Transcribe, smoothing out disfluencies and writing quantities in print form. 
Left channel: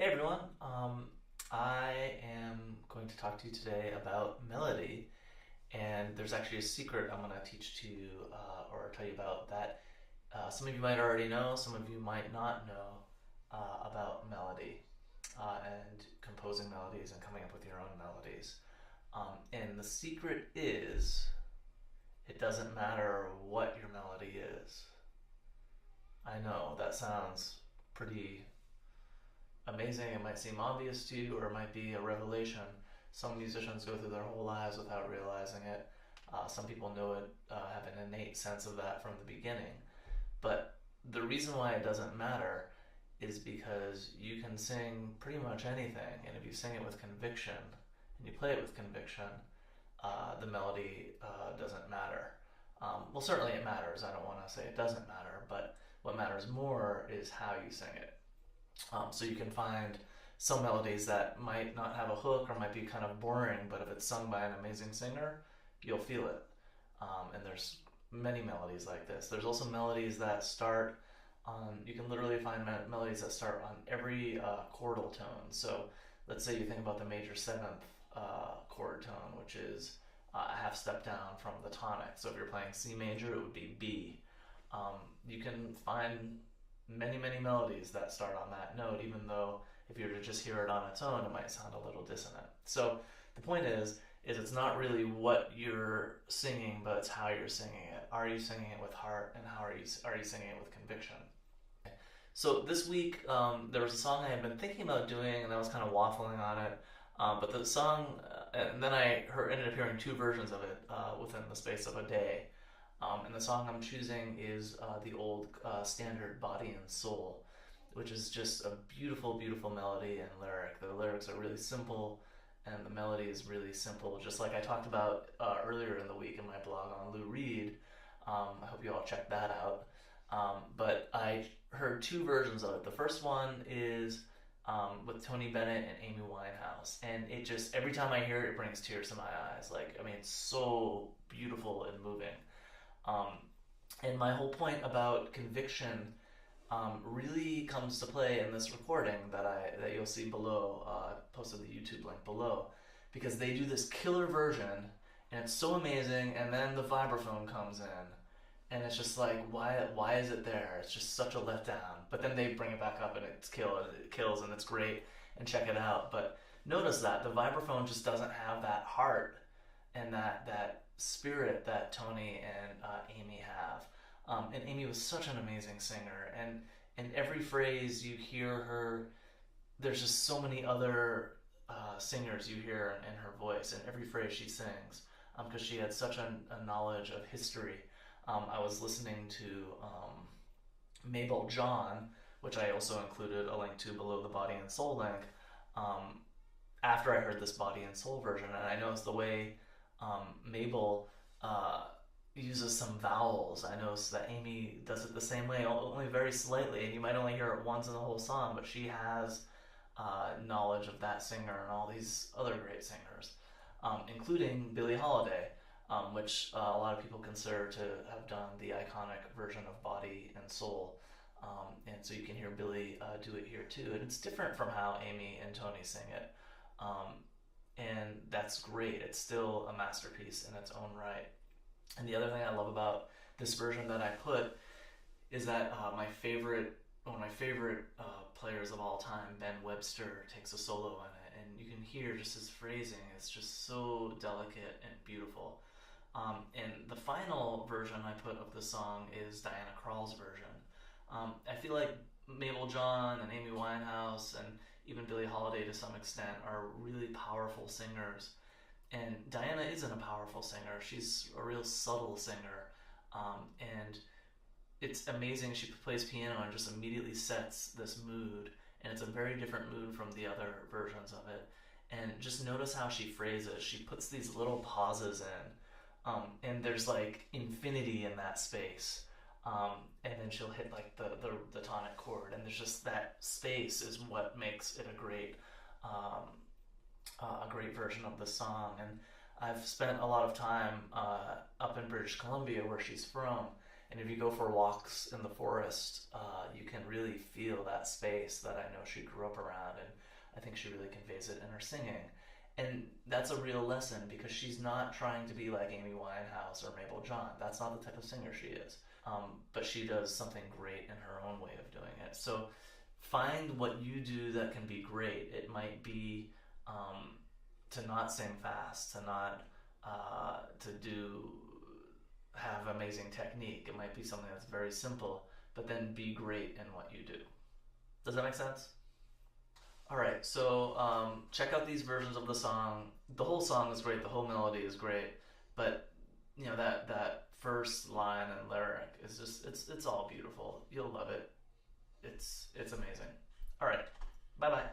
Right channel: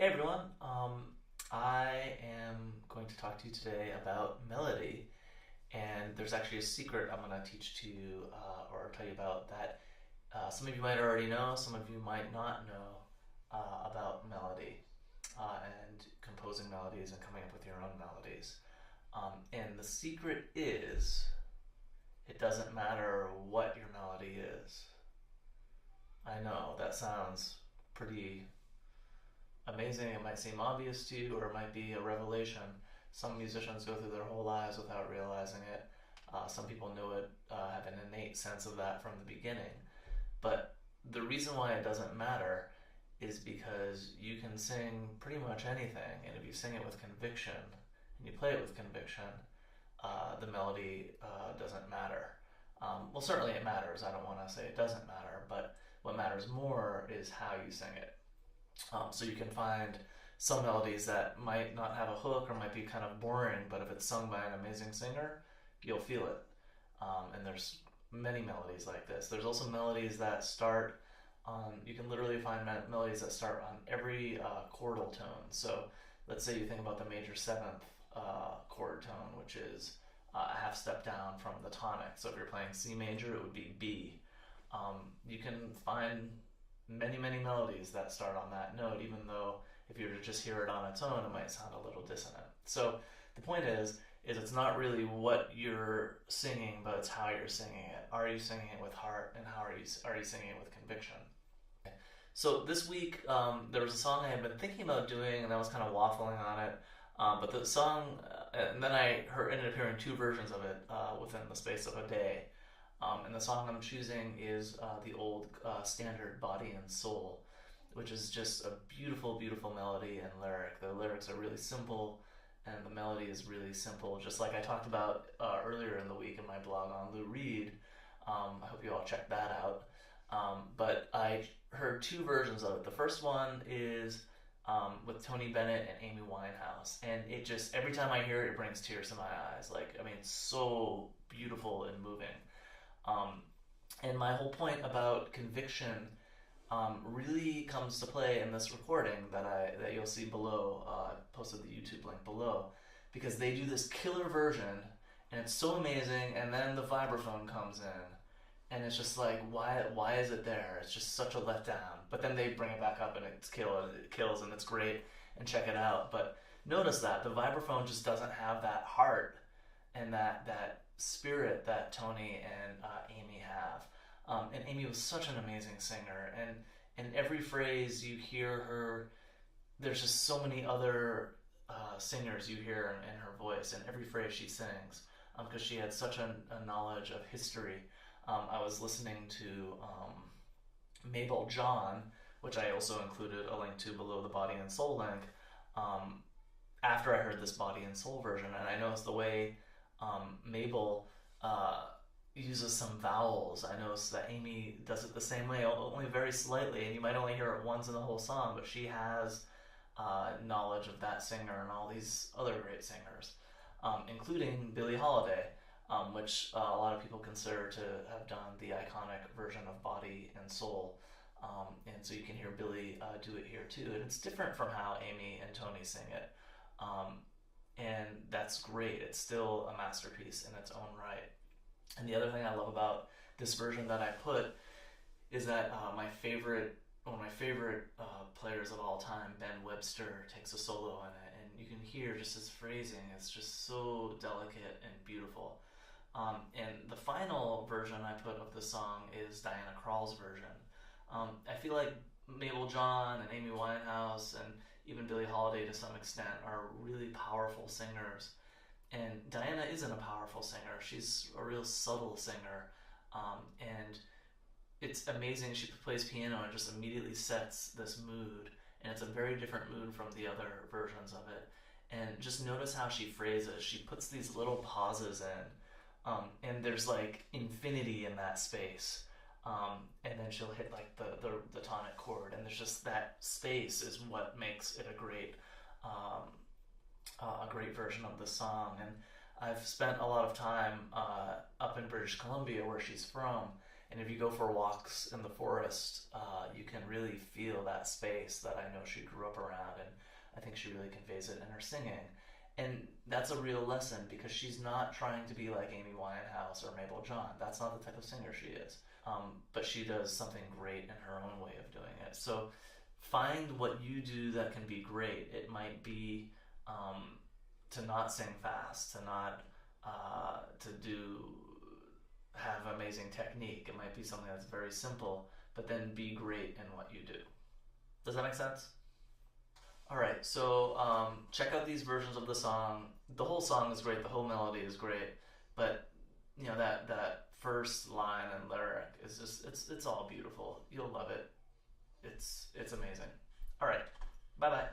Hey everyone, I am going to talk to you today about melody, and there's actually a secret I'm going to teach to you or tell you about that some of you might already know, some of you might not know about melody and composing melodies and coming up with your own melodies. And the secret is it doesn't matter what your melody is. I know that sounds pretty amazing. It might seem obvious to you, or it might be a revelation. Some musicians go through their whole lives without realizing it. Some people know it, have an innate sense of that from the beginning. But the reason why it doesn't matter is because you can sing pretty much anything, and if you sing it with conviction and you play it with conviction, the melody doesn't matter. Well, certainly it matters. I don't want to say it doesn't matter, but what matters more is how you sing it. So you can find some melodies that might not have a hook or might be kind of boring, but if it's sung by an amazing singer, you'll feel it. And there's many melodies like this. There's also melodies that start on, you can literally find melodies that start on every chordal tone. So let's say you think about the major seventh chord tone, which is a half step down from the tonic. So if you're playing C major, it would be B. You can find many melodies that start on that note, even though if you were to just hear it on its own, it might sound a little dissonant. So the point is it's not really what you're singing, but it's how you're singing it. Are you singing it with heart, and how are you singing it with conviction? So this week there was a song I had been thinking about doing, and I was kind of waffling on it. But the song, and then I ended up hearing two versions of it within the space of a day. And the song I'm choosing is the old standard Body and Soul, which is just a beautiful melody and lyric. The lyrics are really simple, and the melody is really simple, just like I talked about earlier in the week in my blog on Lou Reed. I hope you all check that out. But I heard two versions of it. The first one is with Tony Bennett and Amy Winehouse, and it just, every time I hear it, it brings tears to my eyes. Like, I mean, it's so beautiful and moving. And my whole point about conviction really comes to play in this recording that you'll see below. I posted the YouTube link below, because they do this killer version, and it's so amazing. And then the vibraphone comes in, and it's just like, why is it there? It's just such a letdown. But then they bring it back up, and it kills, and it's great. And check it out. But notice that the vibraphone just doesn't have that heart and that spirit that Tony and Amy have. And Amy was such an amazing singer, and in every phrase you hear her, there's just so many other singers you hear in her voice, in every phrase she sings, because she had such a knowledge of history. I was listening to Mabel John, which I also included a link to below the Body and Soul link, after I heard this Body and Soul version, and I noticed the way Mabel uses some vowels. I noticed that Amy does it the same way, only very slightly, and you might only hear it once in the whole song, but she has knowledge of that singer and all these other great singers, including Billie Holiday, which a lot of people consider to have done the iconic version of Body and Soul. And so you can hear Billie do it here too, and it's different from how Amy and Tony sing it. And that's great. It's still a masterpiece in its own right. And the other thing I love about this version that I put is that one of my favorite players of all time, Ben Webster, takes a solo in it, and you can hear just his phrasing. It's just so delicate and beautiful. And the final version I put of the song is Diana Krall's version. I feel like Mabel John and Amy Winehouse and even Billie Holiday to some extent are really powerful singers. And Diana isn't a powerful singer. She's a real subtle singer. And it's amazing. She plays piano and just immediately sets this mood. And it's a very different mood from the other versions of it. And just notice how she phrases. She puts these little pauses in. And there's like infinity in that space. And then she'll hit like the tonic chord, and there's just that space is what makes it a great version of the song. And I've spent a lot of time up in British Columbia, where she's from, And if you go for walks in the forest, you can really feel that space that I know she grew up around, and I think she really conveys it in her singing. And that's a real lesson because she's not trying to be like Amy Winehouse or Mabel John. That's not the type of singer she is. But she does something great in her own way of doing it. So find what you do that can be great. It might be to not sing fast, to not have amazing technique. It might be something that's very simple, but then be great in what you do. Does that make sense? All right, so check out these versions of the song. The whole song is great. The whole melody is great, but that first line and lyric is just it's all beautiful. You'll love it. It's amazing. All right, bye bye.